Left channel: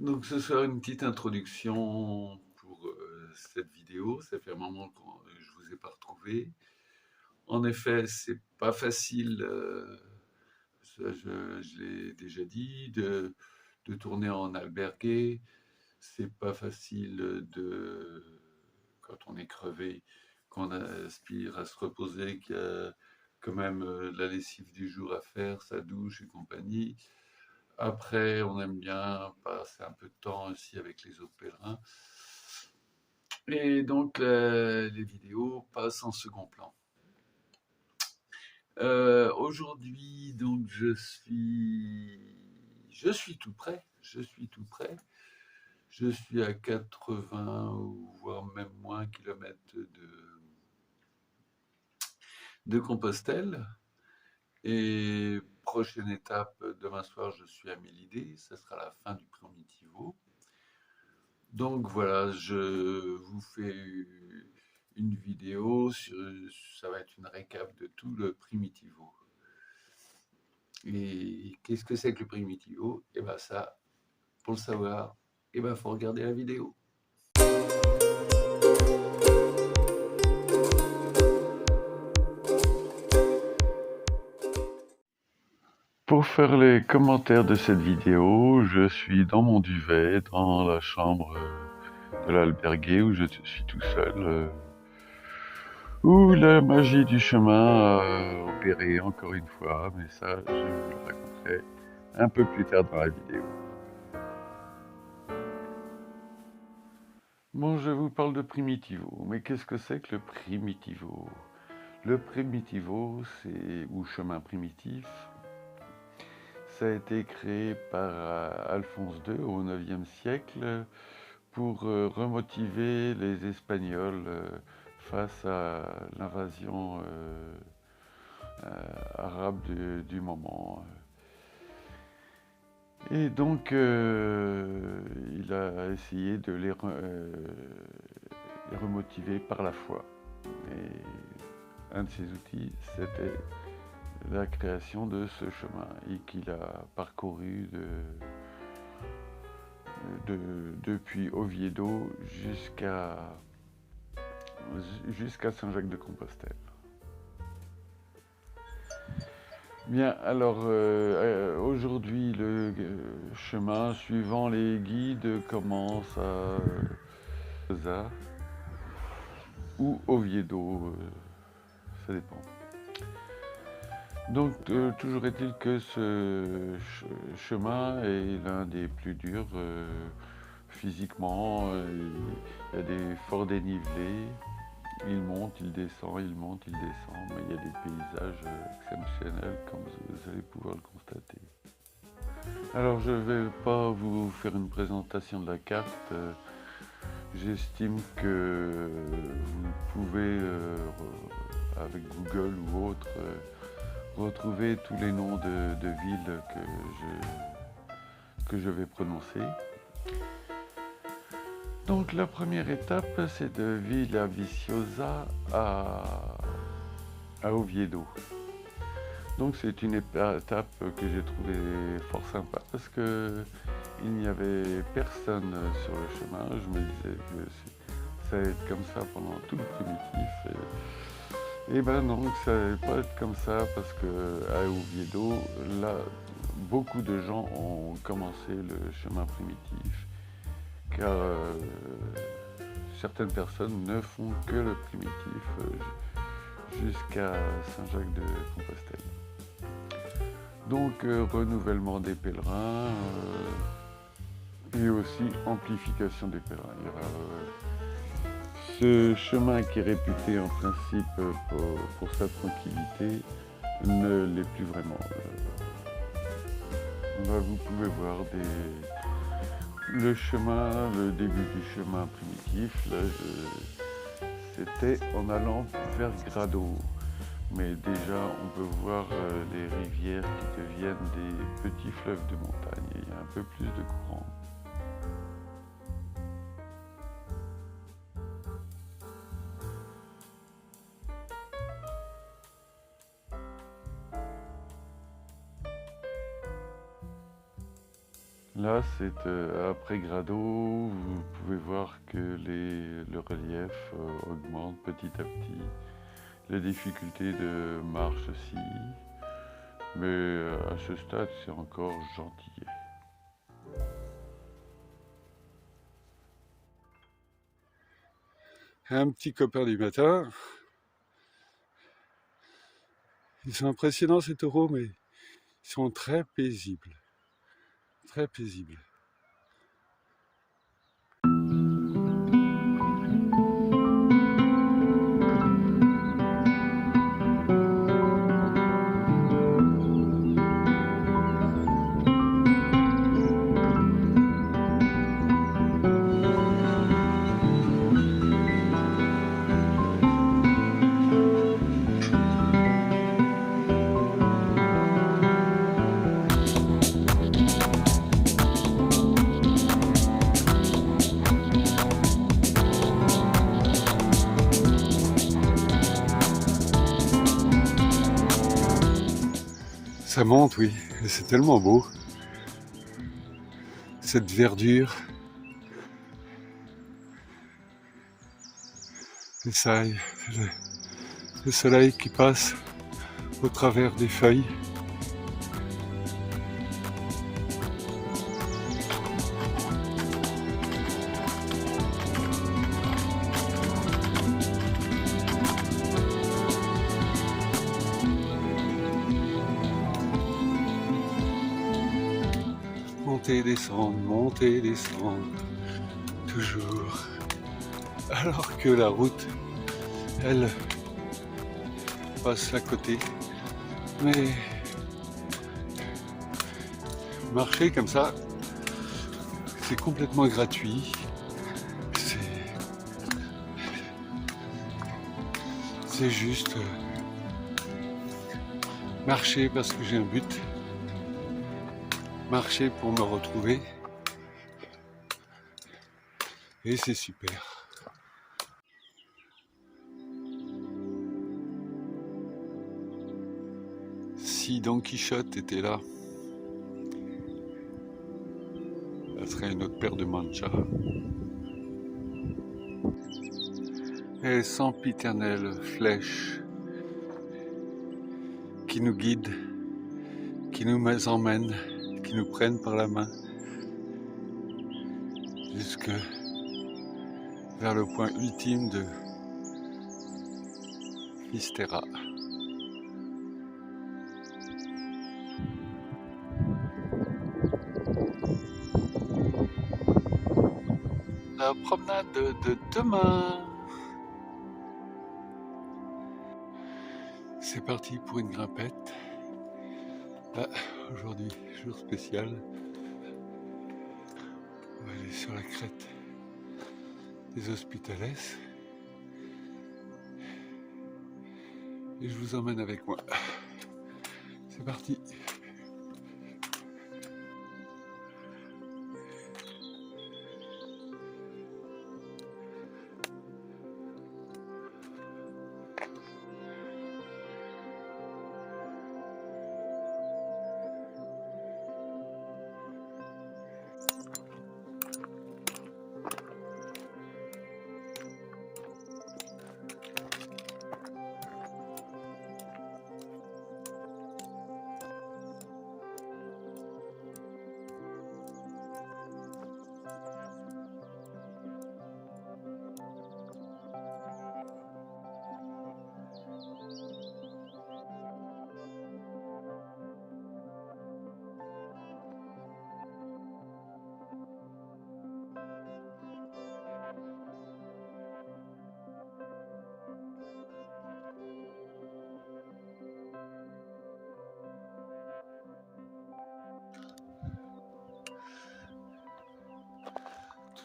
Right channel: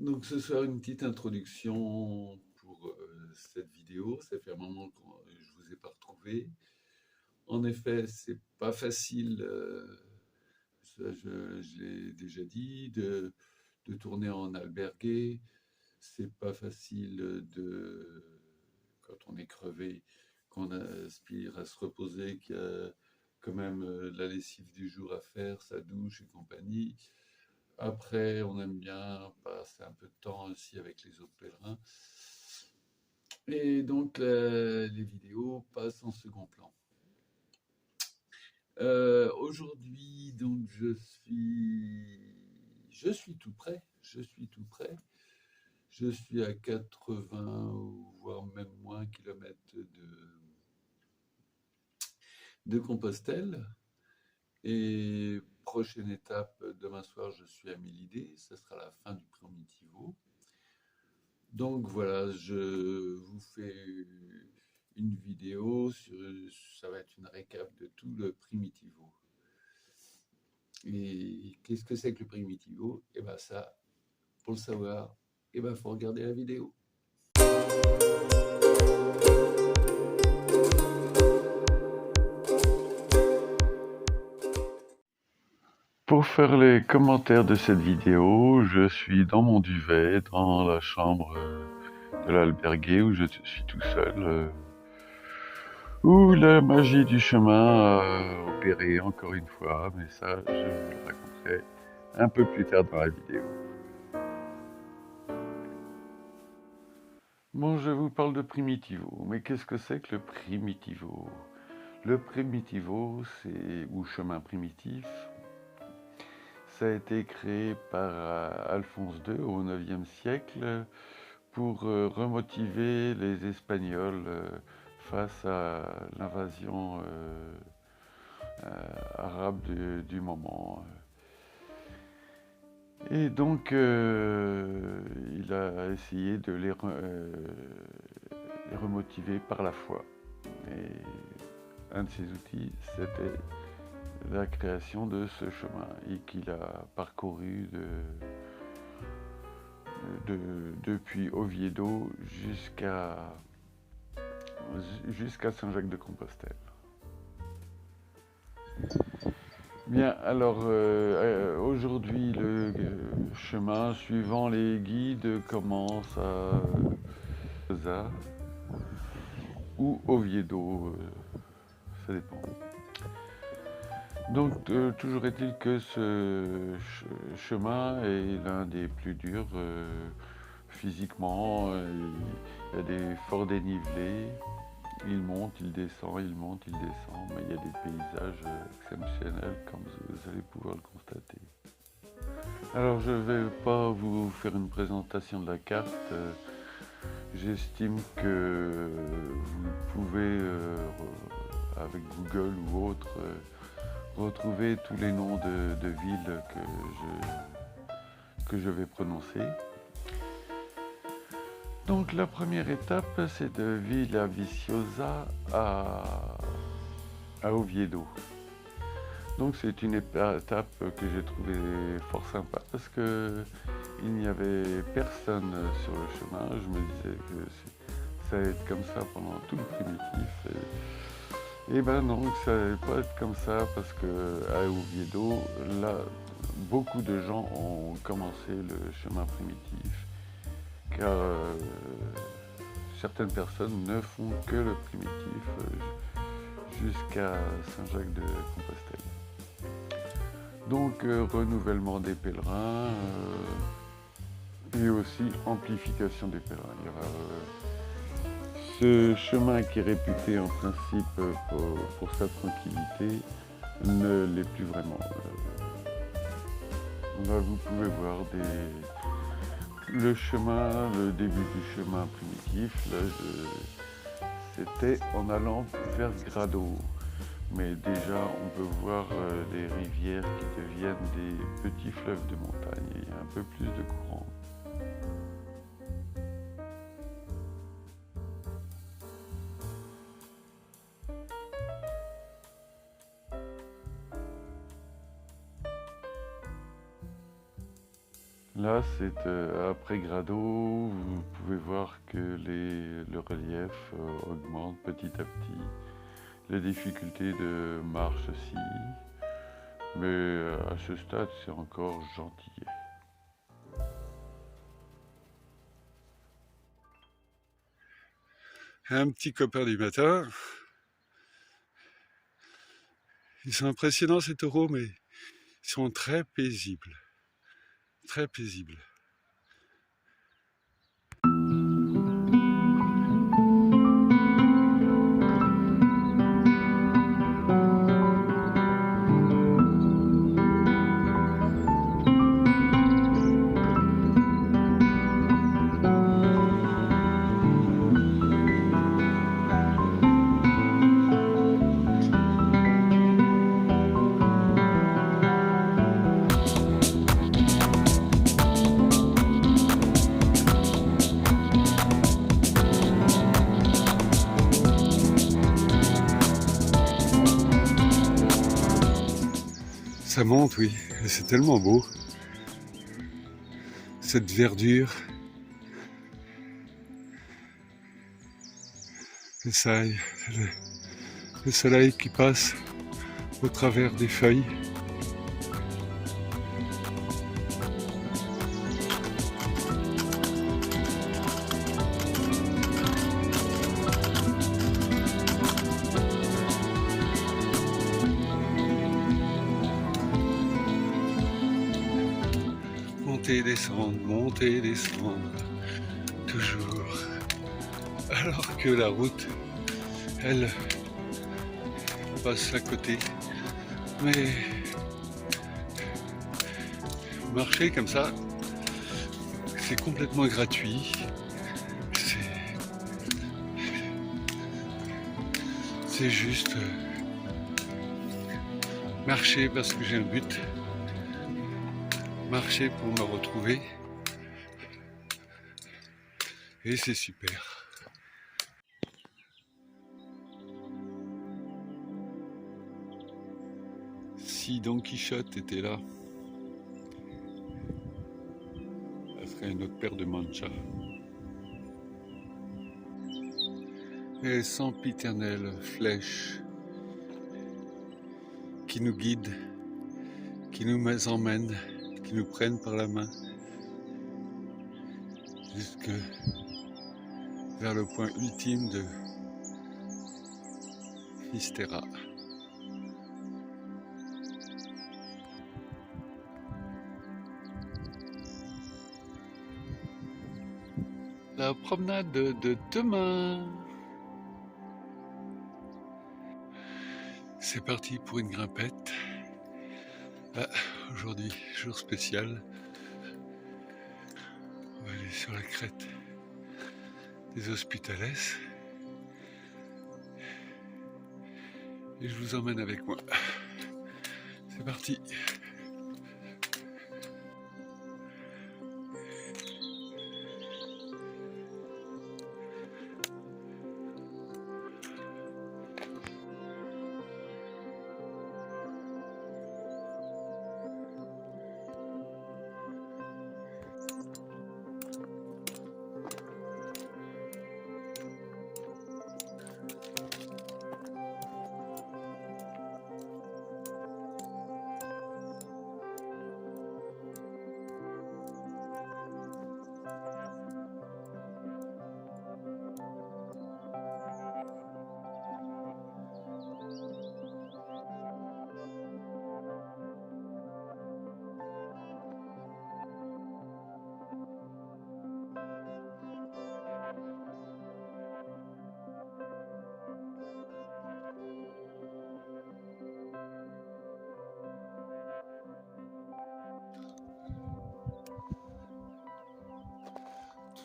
Donc ce sera une petite introduction pour cette vidéo. Ça fait un moment que je vous ai pas retrouvé. En effet, c'est pas facile, ça, je l'ai déjà dit, de tourner en albergué. C'est pas facile quand on est crevé, qu'on aspire à se reposer, qu'il y a quand même la lessive du jour à faire, sa douche et compagnie. Après, on aime bien passer un peu de temps aussi avec les autres pèlerins. Et donc, les vidéos passent en second plan. Aujourd'hui, donc, je suis tout près. Je suis tout près. Je suis à 80 ou voire même moins kilomètres de Compostelle. Et prochaine étape, demain soir, je suis à Mélidée. Ça sera la fin du Primitivo. Donc voilà, je vous fais une vidéo ça va être une récap de tout le Primitivo. Et qu'est-ce que c'est que le Primitivo? Et ben ça, pour le savoir, et ben faut regarder la vidéo. Pour faire les commentaires de cette vidéo, je suis dans mon duvet, dans la chambre de l'albergué où je suis tout seul. Où la magie du chemin a opéré encore une fois, mais ça, je vous le raconterai un peu plus tard dans la vidéo. Bon, je vous parle de Primitivo, mais qu'est-ce que c'est que le Primitivo? Le Primitivo, ou chemin primitif, ça a été créé par Alphonse II au IXe siècle pour remotiver les Espagnols face à l'invasion arabe du moment. Et donc, il a essayé de les remotiver par la foi. Et un de ses outils, c'était la création de ce chemin et qu'il a parcouru depuis Oviedo jusqu'à Saint-Jacques-de-Compostelle. Bien, alors aujourd'hui le chemin suivant les guides commence à Zaza ou Oviedo, ça dépend. Donc toujours est-il que ce chemin est l'un des plus durs physiquement. Il y a des forts dénivelés. Il monte, il descend, il monte, il descend, mais il y a des paysages exceptionnels comme vous allez pouvoir le constater. Alors je ne vais pas vous faire une présentation de la carte. J'estime que vous pouvez, avec Google ou autre, retrouver tous les noms de villes que je vais prononcer. Donc la première étape, c'est de Villaviciosa à Oviedo. Donc c'est une étape que j'ai trouvée fort sympa parce que il n'y avait personne sur le chemin. Je me disais que ça allait être comme ça pendant tout le primitif. Et ben non, ça n'allait pas être comme ça parce que à Oviedo, là, beaucoup de gens ont commencé le chemin primitif car certaines personnes ne font que le primitif jusqu'à Saint-Jacques-de-Compostelle. Donc renouvellement des pèlerins et aussi amplification des pèlerins. Il y aura ce chemin qui est réputé en principe pour sa tranquillité ne l'est plus vraiment. Là, vous pouvez voir le chemin, le début du chemin primitif. Là, c'était en allant vers Grado. Mais déjà, on peut voir les rivières qui deviennent des petits fleuves de montagne. Et il y a un peu plus de courant. Là, c'est après Grado, vous pouvez voir que le relief augmente petit à petit. Les difficultés de marche aussi, mais à ce stade, c'est encore gentillet. Un petit copain du matin. Ils sont impressionnants ces taureaux, mais ils sont très paisibles. Très paisibles. Ça monte, oui, et c'est tellement beau. Cette verdure. Le soleil qui passe au travers des feuilles. Monter et descendre, toujours. Alors que la route, elle, passe à côté. Mais marcher comme ça, c'est complètement gratuit. C'est juste marcher parce que j'ai un but. Marcher pour me retrouver. Et c'est super. Si Don Quichotte était là, ça serait une autre paire de manchas. Et sempiternelle flèche qui nous guide, qui nous emmène, qui nous prennent par la main jusque vers le point ultime de Fisterra. La promenade de demain. C'est parti pour une grimpette. Aujourd'hui, jour spécial. On va aller sur la crête des Hospitales. Et je vous emmène avec moi. C'est parti.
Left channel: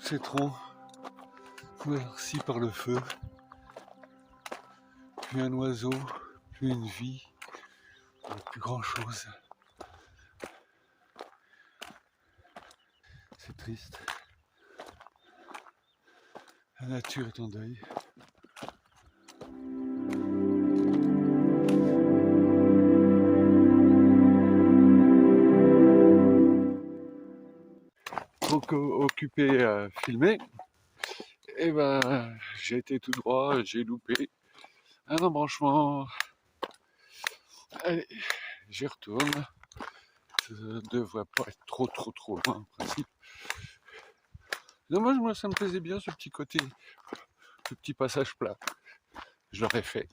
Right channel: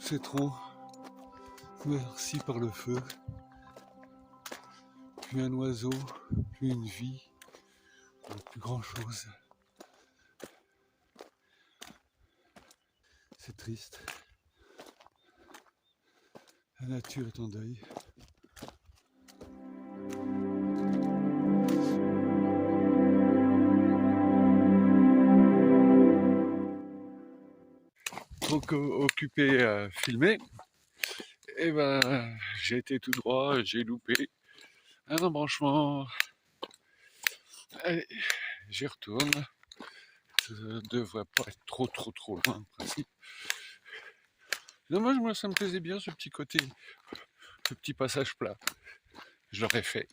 Ces troncs couverts par le feu, plus un oiseau, plus une vie, plus grand chose. C'est triste. La nature est en deuil. trop occupé à filmer, et ben j'ai été tout droit, j'ai loupé un embranchement. Allez, j'y retourne. Ça ne devrait pas être trop loin en principe. Dommage, moi ça me plaisait bien ce petit côté, ce petit passage plat. Je l'aurais fait.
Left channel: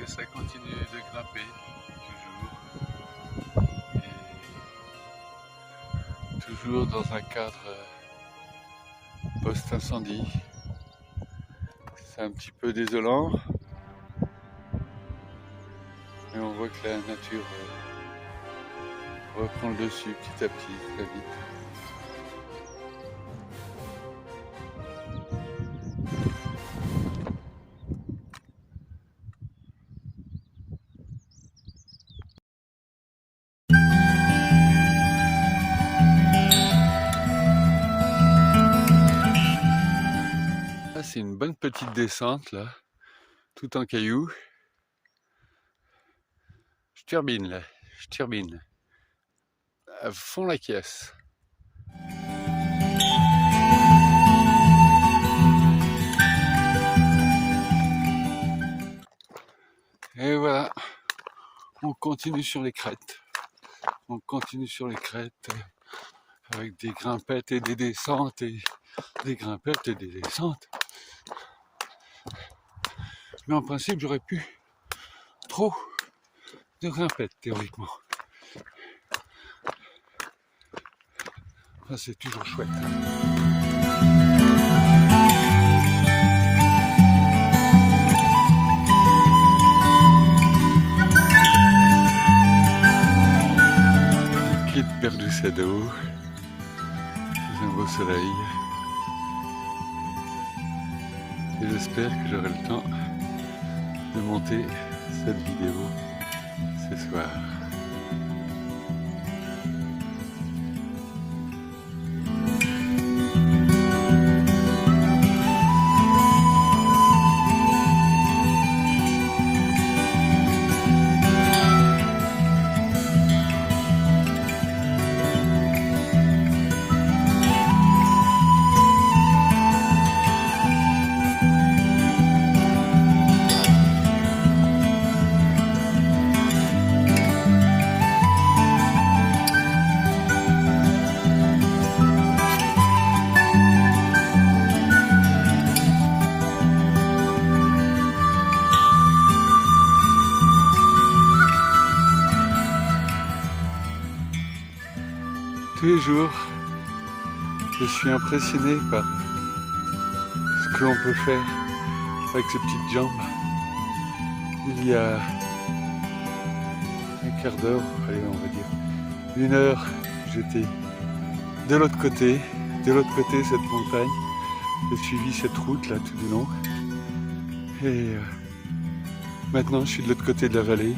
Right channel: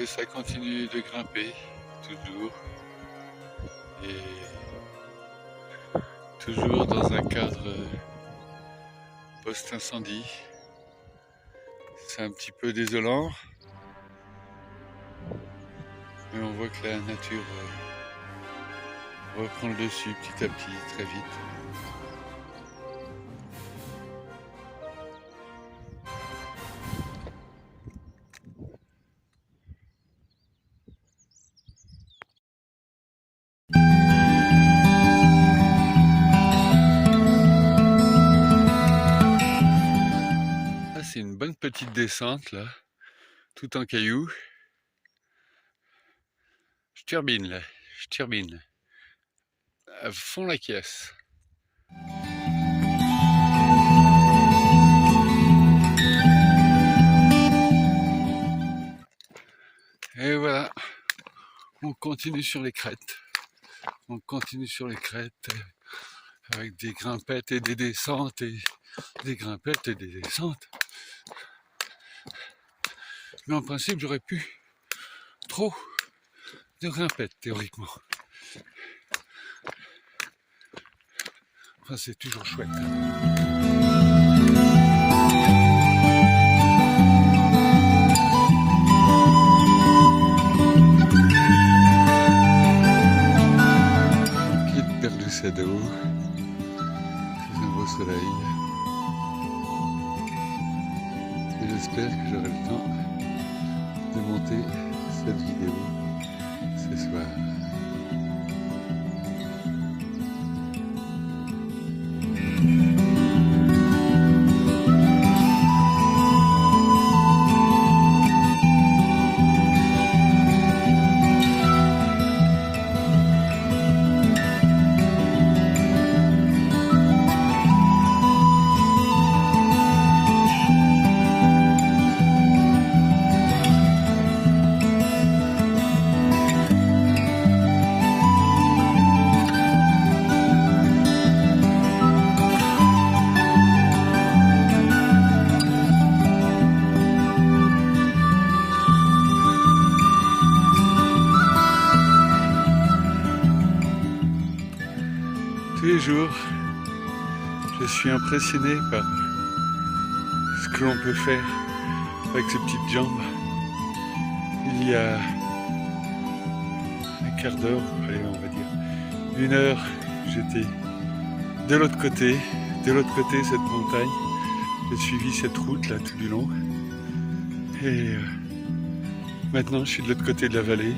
Et ça continue de grimper, toujours. Et toujours dans un cadre post-incendie. C'est un petit peu désolant. Mais on voit que la nature reprend le dessus petit à petit, très vite. C'est une bonne petite descente là, tout en cailloux. Je turbine là, je turbine. À fond la caisse. Et voilà, on continue sur les crêtes. On continue sur les crêtes avec des grimpettes et des descentes et des grimpettes et des descentes. Mais en principe, j'aurais pu trop de grimpettes, théoriquement. Enfin, c'est toujours chouette. Quitte Perdusado, sous un beau soleil. Et j'espère que j'aurai le temps de monter cette vidéo ce soir. Tous les jours, je suis impressionné par ce que l'on peut faire avec ses petites jambes. Il y a un quart d'heure, on va dire 1 heure, j'étais de l'autre côté de cette montagne. J'ai suivi cette route là tout du long. Et maintenant, je suis de l'autre côté de la vallée.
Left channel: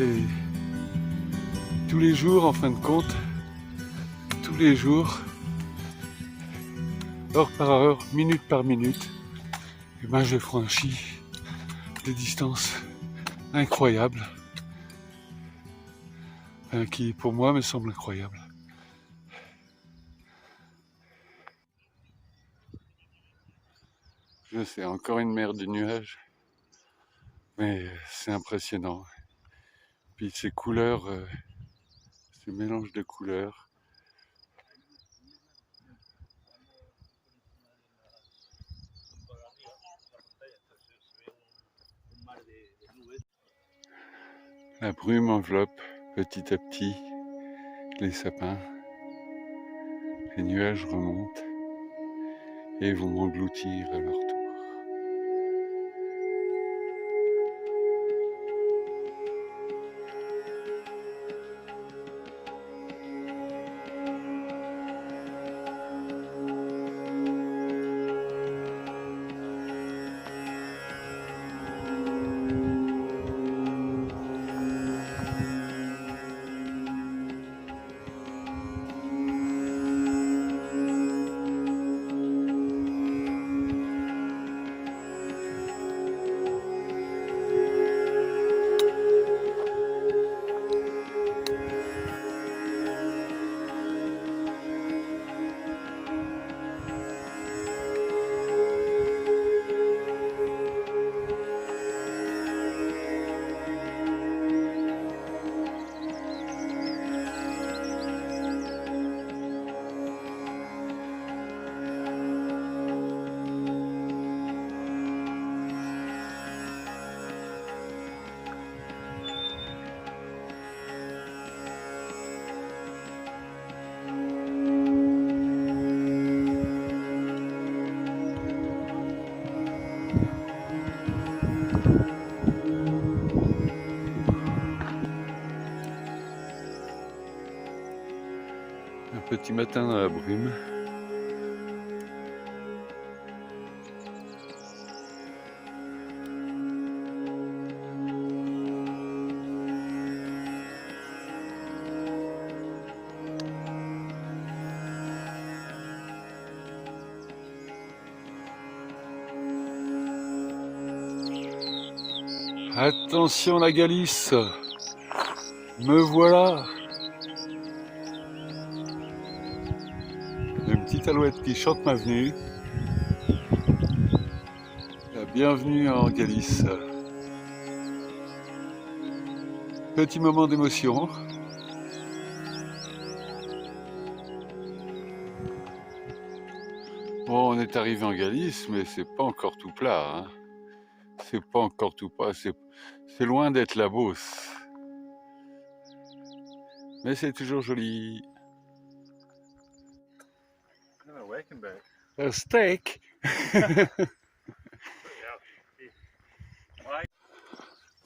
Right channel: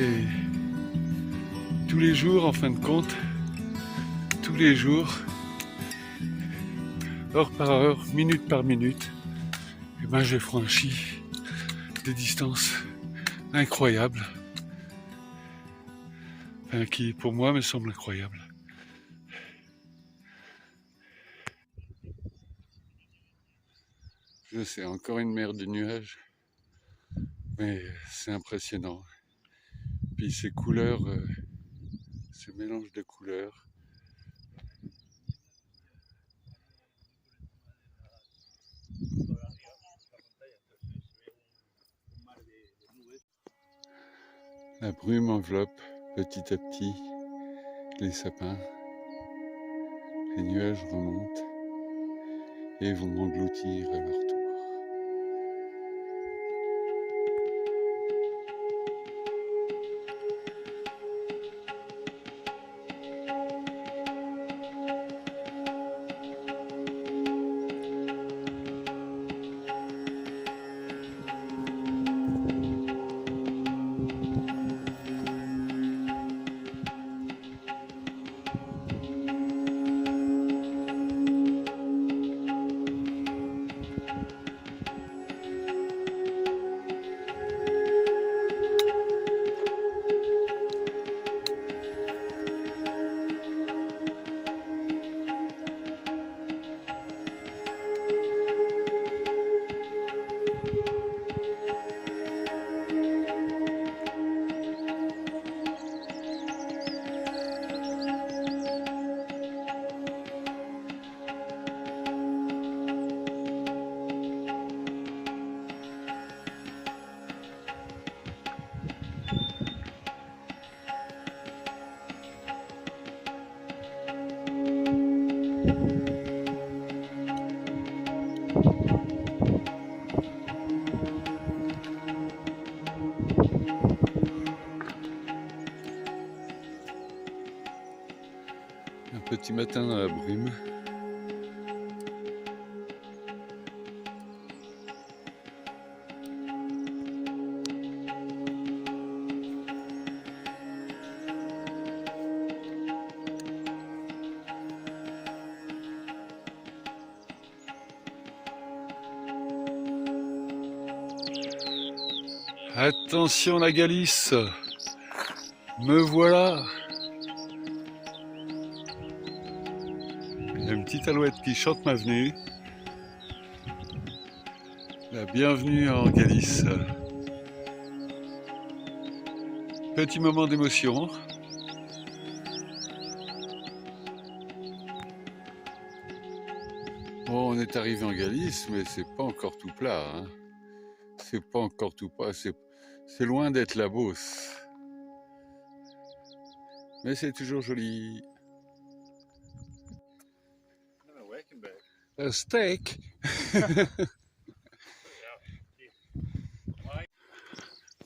Et tous les jours, en fin de compte, tous les jours, heure par heure, minute par minute, et ben j'ai franchi des distances incroyables, qui pour moi me semblent incroyables. Je sais, encore une mer de nuages, mais c'est impressionnant. Puis ces couleurs, ce mélange de couleurs. La brume enveloppe petit à petit les sapins. Les nuages remontent et vont engloutir à leur tour. Un petit matin dans la brume. Attention la Galice, me voilà. Une petite alouette qui chante ma venue. La bienvenue en Galice. Petit moment d'émotion. Bon, on est arrivé en Galice, mais c'est pas encore tout plat, hein. C'est pas encore tout plat, c'est loin d'être la Beauce. Mais c'est toujours joli. Un steak.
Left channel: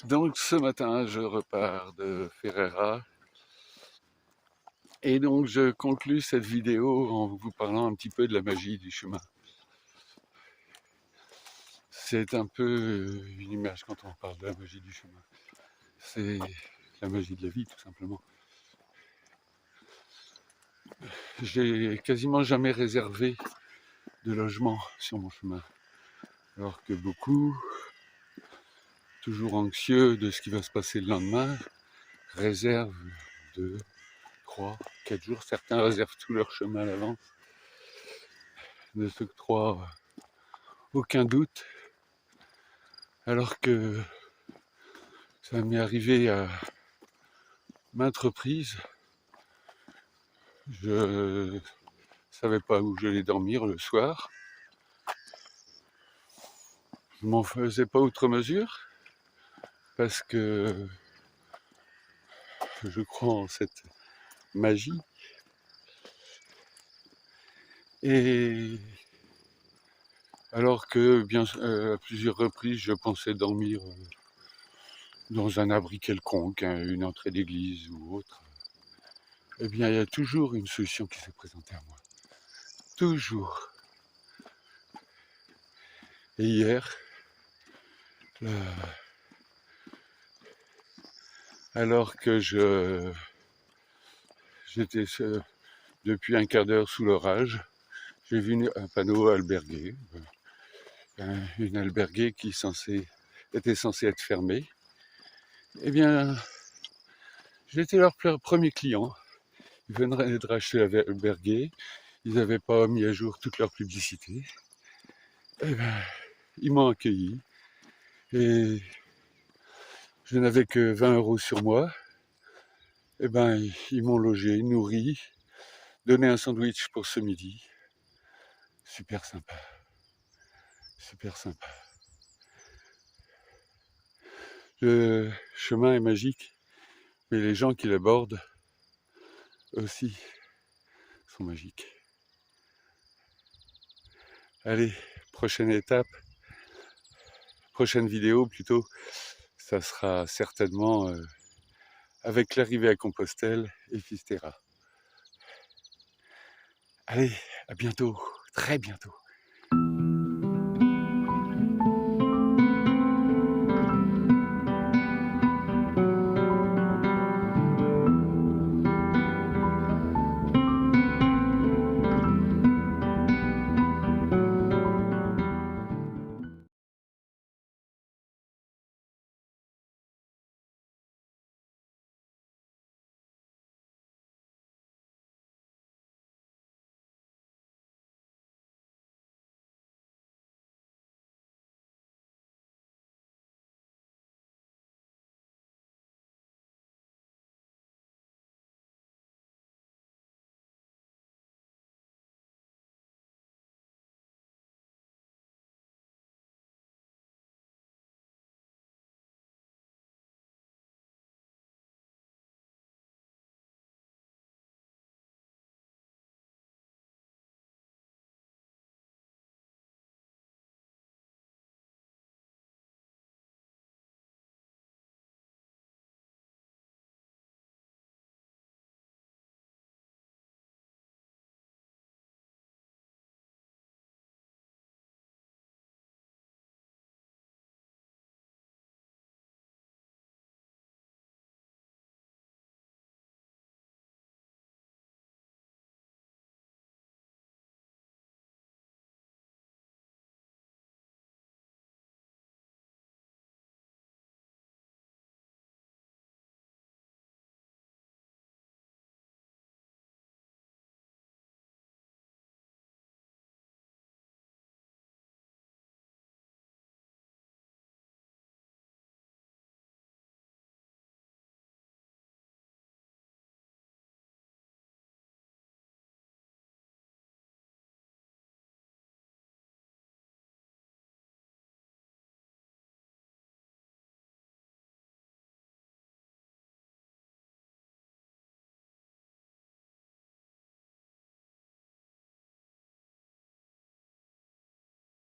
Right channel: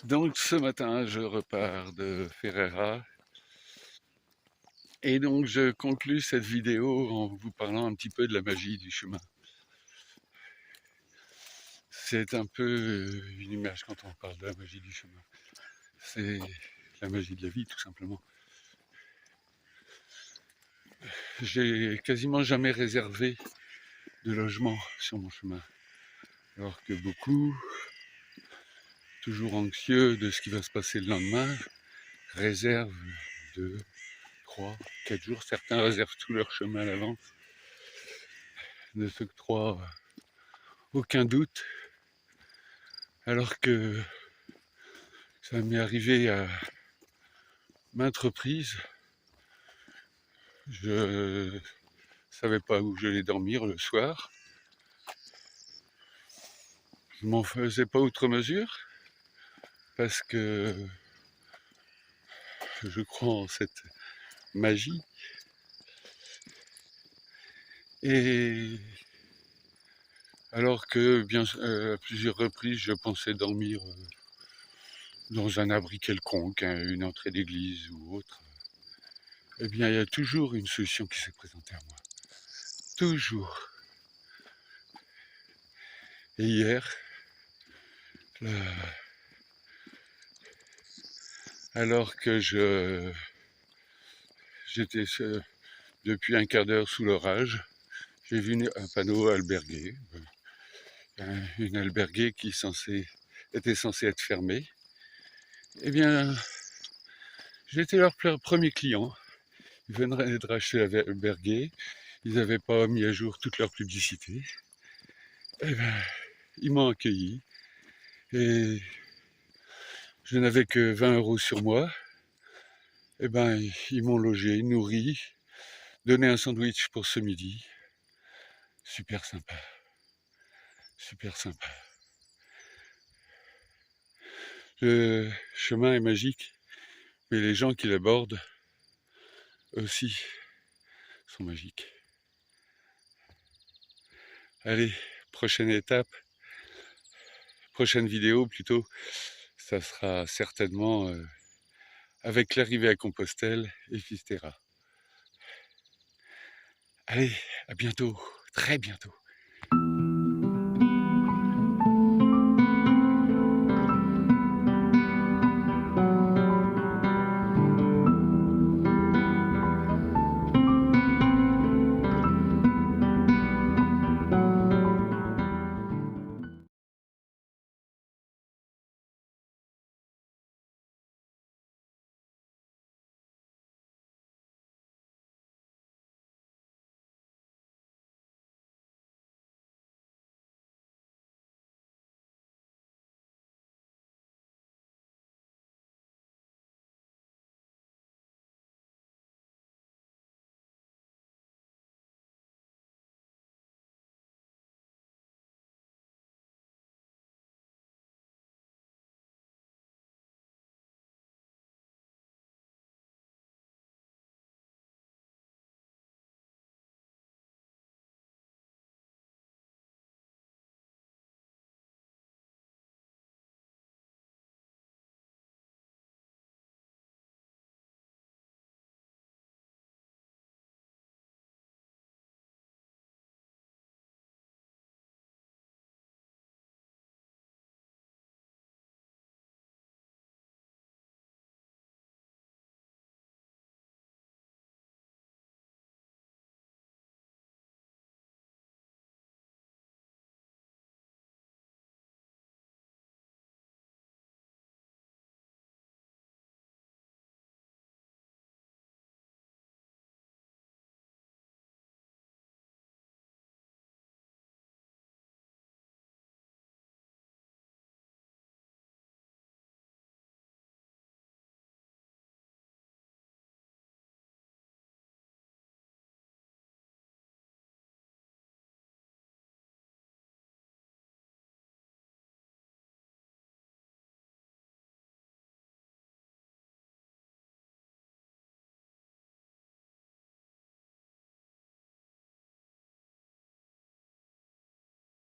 Donc ce matin, je repars de Ferreira. Et donc je conclus cette vidéo en vous parlant un petit peu de la magie du chemin. C'est un peu une image quand on parle de la magie du chemin. C'est la magie de la vie, tout simplement. J'ai quasiment jamais réservé de logement sur mon chemin. Alors que beaucoup, toujours anxieux de ce qui va se passer le lendemain, réservent 2, 3, 4 jours. Certains réservent tout leur chemin à l'avance. Ne s'octroient aucun doute. Alors que ça m'est arrivé à maintes reprises. Je savais pas où j'allais dormir le soir. Je m'en faisais pas outre mesure parce que je crois en cette magie. Et alors que à plusieurs reprises je pensais dormir dans un abri quelconque, hein, une entrée d'église ou autre, eh bien il y a toujours une solution qui s'est présentée à moi. Toujours. Et hier, alors que j'étais depuis un quart d'heure sous l'orage, j'ai vu un panneau albergué, une alberguée qui était censée être fermée. Eh bien, j'étais leur premier client. Ils venaient de racheter l'alberguée. Ils n'avaient pas mis à jour toute leur publicité. Eh ben, ils m'ont accueilli. Et je n'avais que 20 € sur moi. Eh ben, ils m'ont logé, nourri, donné un sandwich pour ce midi. Super sympa. Super sympa. Le chemin est magique, mais les gens qui l'abordent aussi sont magiques. Allez, prochaine étape, prochaine vidéo plutôt, ça sera certainement avec l'arrivée à Compostelle et Fisterra. Allez, à bientôt, très bientôt.